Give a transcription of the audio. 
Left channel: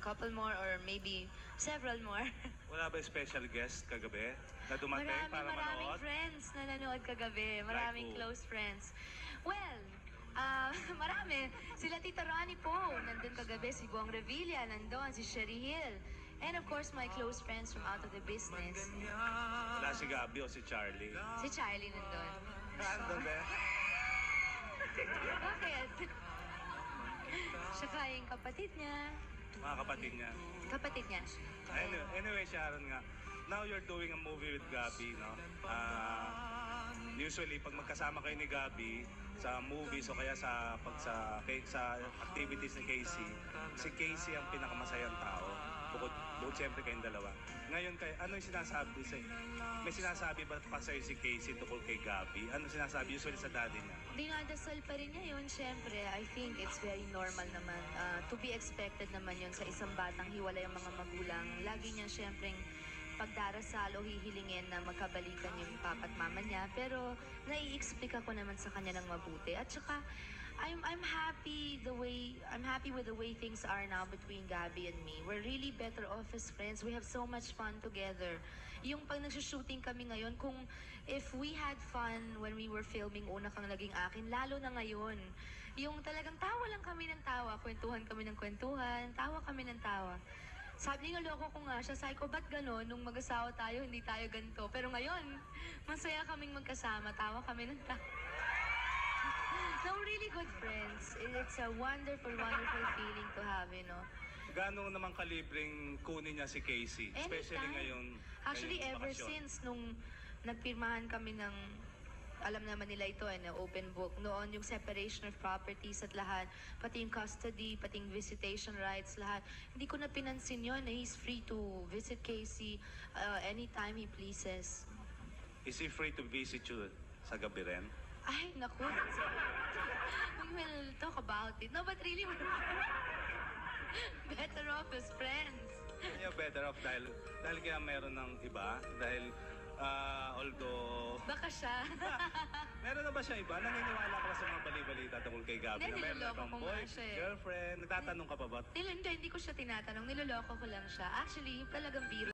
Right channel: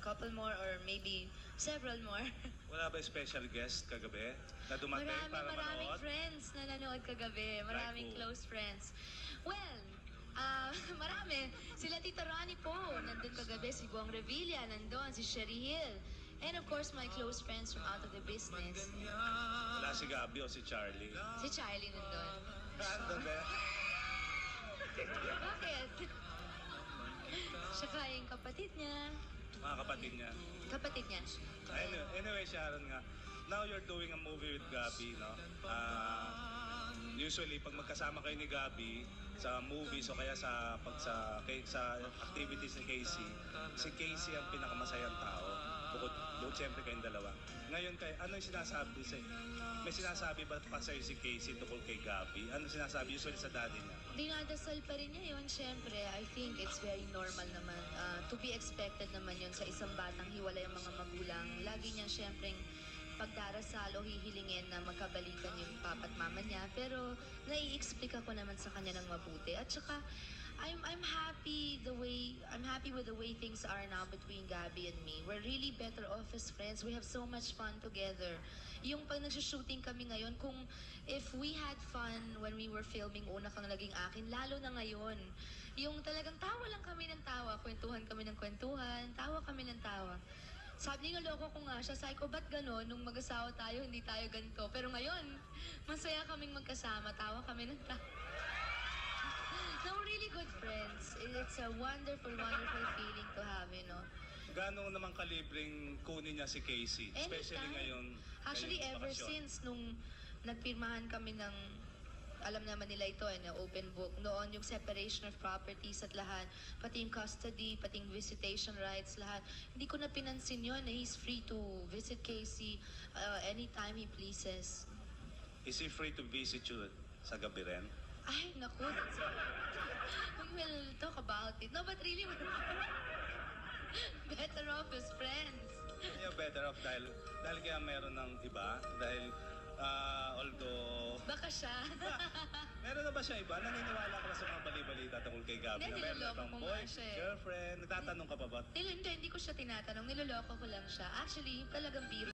couple more or maybe several more. Wala ba special guest kagabi na dumating para Maraming manood? friends na nanood kagabi. Maraming Like who? close friends. Well, marami. Sila Tita Ronnie Poe, nandun kagabi. Si Buang Revilla, nandun. Si Sherry Hill. And of course, my close friends from Out of the Business. Wala si Gabby o si Charlie. Si Charlie nandun. Nandun ba? Bakit? Saka yung kapatid niya. Mga kapatid niya. Kapatid niya. Anyway, Sharon nga, now you're doing a movie with Gabby, no? Usually, pag magkasama kayo ni Gabby sa movies o kaya sa activities ni Casey, si Casey ang pinakamasayang tao. Bukod siyempre kayong dalawa. Ngayon, ano yung sinasabi sa'yo? May sinasabi ba pa sa'yo si Casey tungkol kay Gabby? Ano sinasabi usually sa daddy niya? Dinadasal pa rin niya yun, syempre. I think it's very normal naman. To be expected naman yun sa isang batang hiwalay ang mga magulang. Lagi niya syempre pagdarasal o hihilingin na magkabalikan yung papa at mama niya. Pero nai-explica ko naman sa kanya ng mabuti. At saka, I'm happy with the way things are now between Gabby and me. We're really better off as friends. We have so much fun together. Yung pag nagsushooting kami ngayon, kung if we had fun when we were filming Una Kang Naging Akin, lalo na ngayon. Yung talagang tawa lang kami ng tawa, kwentuhan kami ng kwentuhan, tawa kami ng tawa. Sabi niya, loko ko nga siya. Sabi ko, ba't gano'n? Nung mag-asawa tayo, hindi tayo ganito. Pero ngayon, masaya kaming magkasama. Tawa kami ng tawa. No, we're really good friends. It's a wonderful, wonderful feeling to have, you know. Gano'n naman kalibreng kunin niya si Casey? Especially ngayon. Actually, ngayong ever bakasyon. since nung nagpirmahan kami ng, alam naman nila ito, open book. Noon yung separation of properties at lahat, pati yung custody, pati yung visitation rights, lahat. Hindi ko na pinansin yun. He's free to visit Casey anytime he pleases. Is he free to visit you sa gabi rin? Ay, naku. We will talk about it. No, but really, we're better off as friends. Yeah, better off dahil kaya meron ng iba. Dahil although... Baka siya. Meron na ba siya iba? Naniniwala ka ba sa mga bali-balita tungkol kay Gabby? Hindi, Na meron na niloloko bang ko boy, nga siya eh. girlfriend? Nagtatanong ka pa ba? Hindi ko siya tinatanong. Niloloko ko lang siya. Actually, yung talagang biro.